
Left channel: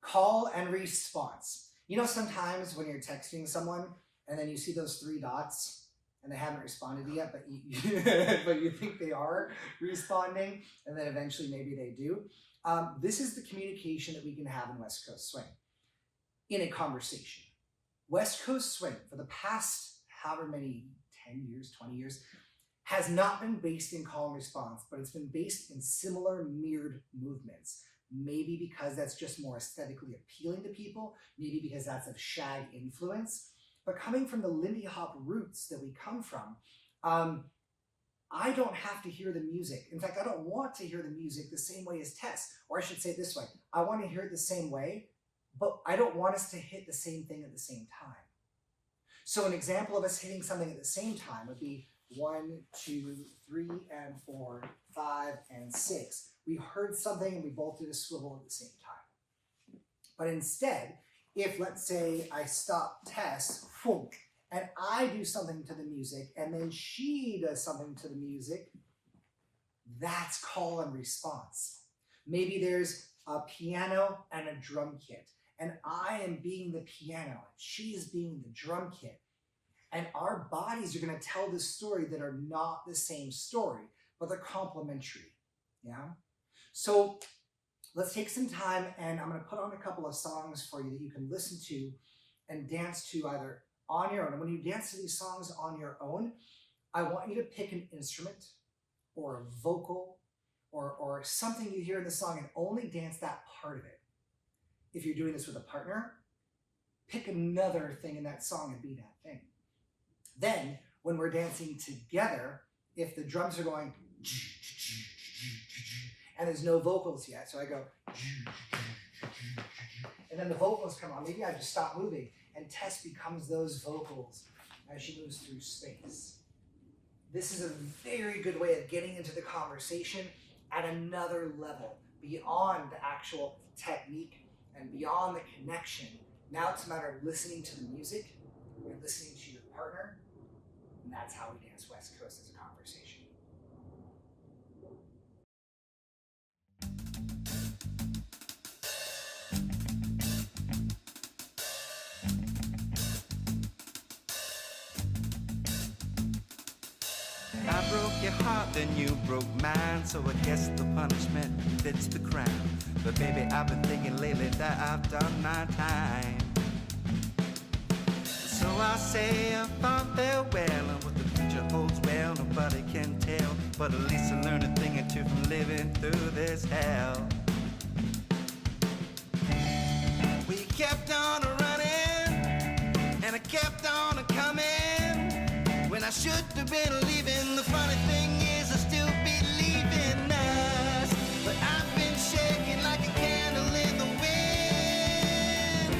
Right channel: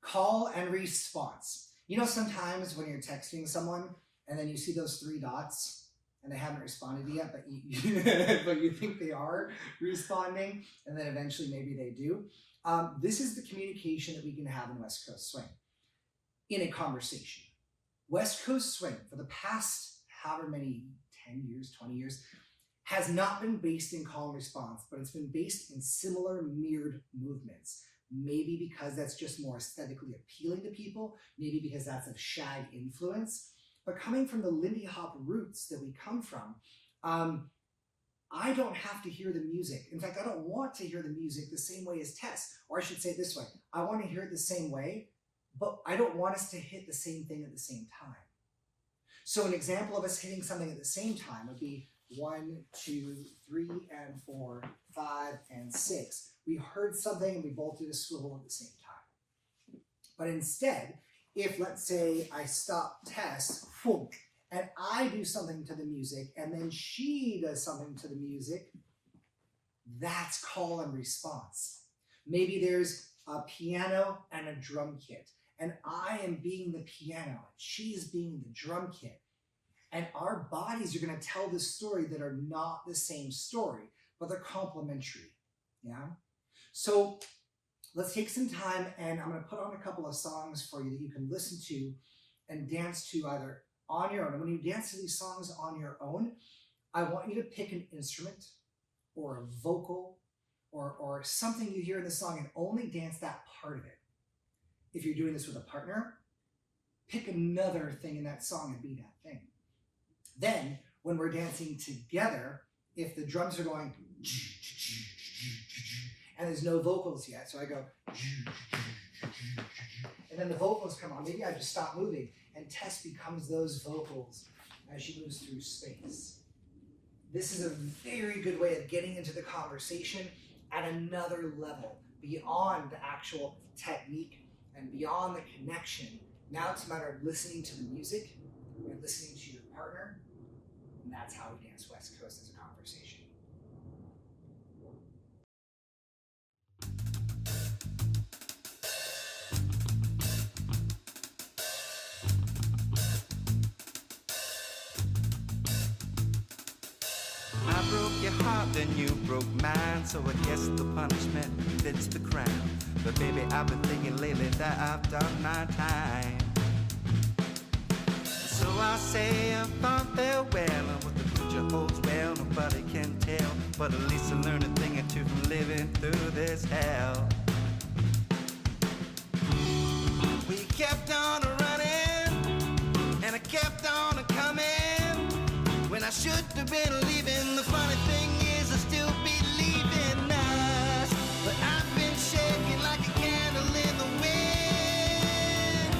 Call and response. You know, sometimes when you're texting someone and then you see those 3 dots and they haven't responded yet, but but you think they are responding, and then eventually maybe they do. This is the communication that we can have in West Coast Swing in a conversation. West Coast Swing, for the past however many, 10 years, 20 years, has not been based in call and response, but it's been based in similar mirrored movements. Maybe because that's just more aesthetically appealing to people, maybe because that's a Shag influence. But coming from the Lindy Hop roots that we come from, I don't have to hear the music. In fact, I don't want to hear the music the same way as Tess, or I should say it this way. I want to hear it the same way, but I don't want us to hit the same thing at the same time. So an example of us hitting something at the same time would be 1, 2, 3, and 4, 5, and 6. We heard something and we both did a swivel at the same time. But instead, if let's say I stop Tess, and I do something to the music, and then she does something to the music, that's call and response. Maybe there's a piano and a drum kit, and I am being the piano, and she's being the drum kit. And our bodies are going to tell this story that are not the same story, but they're complementary. Yeah? So let's take some time, and I'm going to put on a couple of songs for you that you can listen to and dance to either on your own. And when you dance to these songs on your own, I want you to pick an instrument or a vocal or something you hear in the song and only dance that part of it. If you're doing this with a partner, pick another thing in that song and be that thing. Then, when we're dancing together, if the drums are going and there's no vocals yet, so I go and then the vocals come on, maybe I just stop moving and Tess becomes those vocals as she moves through space. This is a very good way of getting into the conversation at another level, beyond the actual technique and beyond the connection. Now it's a matter of listening to the music and listening to your partner, and that's how we dance West Coast as a conversation. I broke your heart, then you broke mine, so I guess the punishment fits the crime. But baby, I've been thinking lately that I've done my time. So I say a fond farewell, and what the future holds, well, nobody can tell. But at least I learned a thing or two from living through this hell. We kept on running, and I kept on coming. When I should have been leaving, the funny thing is I still believe in us. But I've been shaking like a candle in the wind,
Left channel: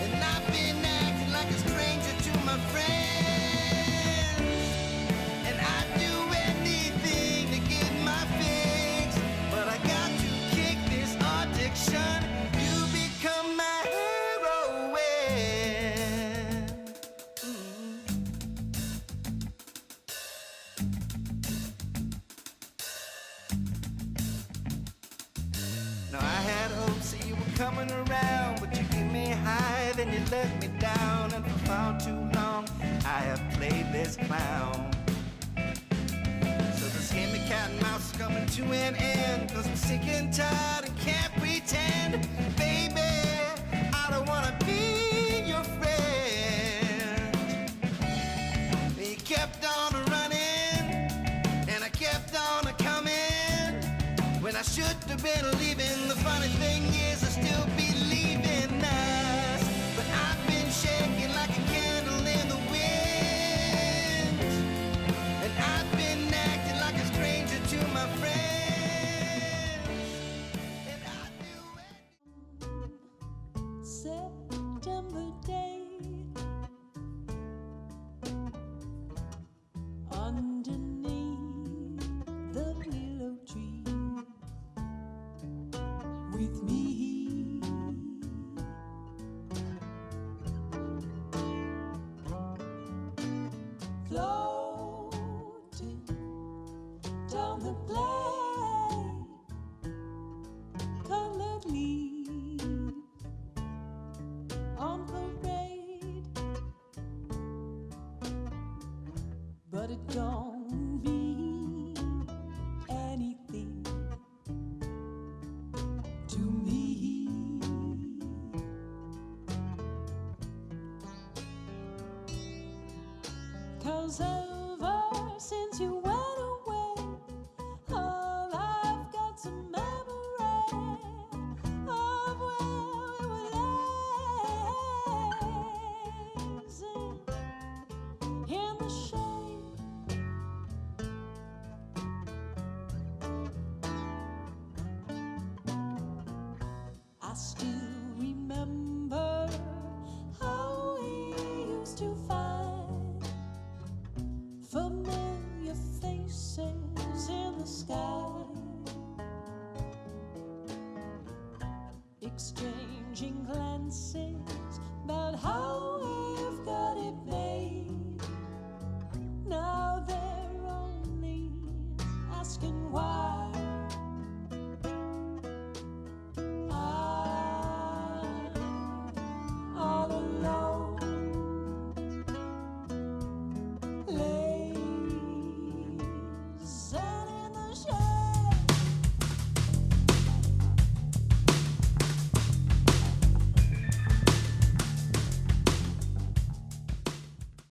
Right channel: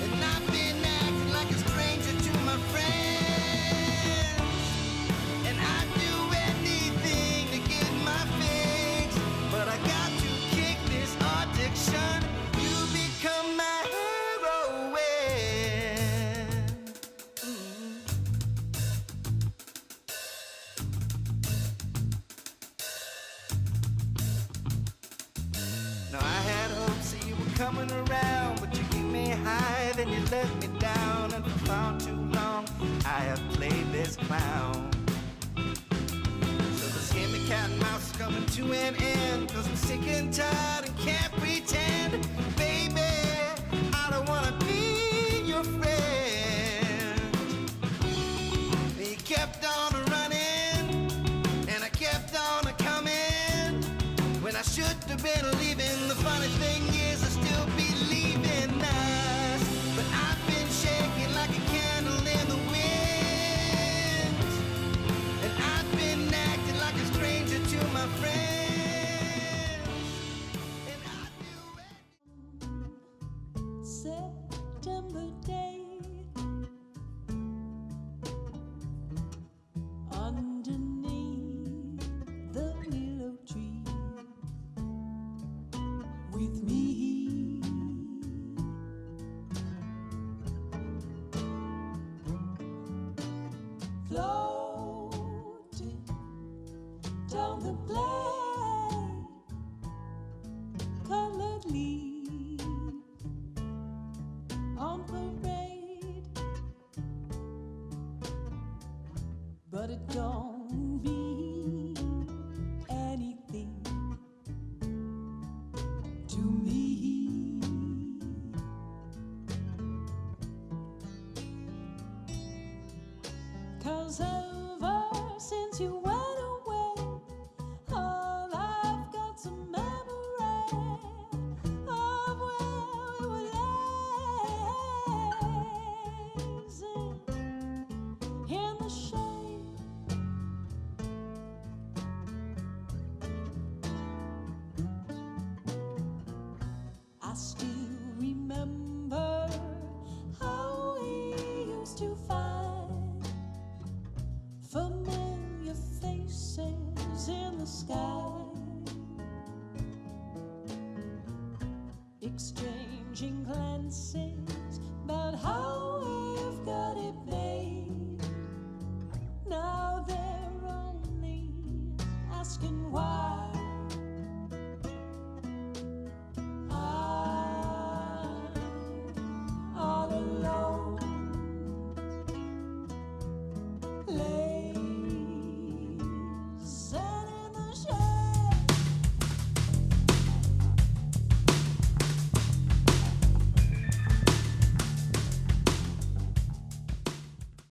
and I've been acting like a stranger to my friends. And I'd do anything to get my fix, but I got to kick this addiction. You become my heroine. Now I had hopes that you were coming around, but you gave me high, then you let me down, and for far too long I have played this clown. So this game of cat and mouse is coming to an end, 'cause I'm sick and tired and can't pretend. Baby, I don't wanna be your friend. You kept on running, and I kept on coming. When I should have been leaving, the funny thing is I still believe in us. But I've been shaking like a candle in the wind, and I've been acting like a stranger to my friends. And I do it. September day, underneath the willow tree, with me, floating down the black colored leaf on parade, but it don't mean anything to me. 'Cause ever since you went away, all I've got's a memory of where we were lazing in the shade. I still remember how we used to find familiar faces in the sky, exchanging glances about how we've got it made. Now they're only asking why.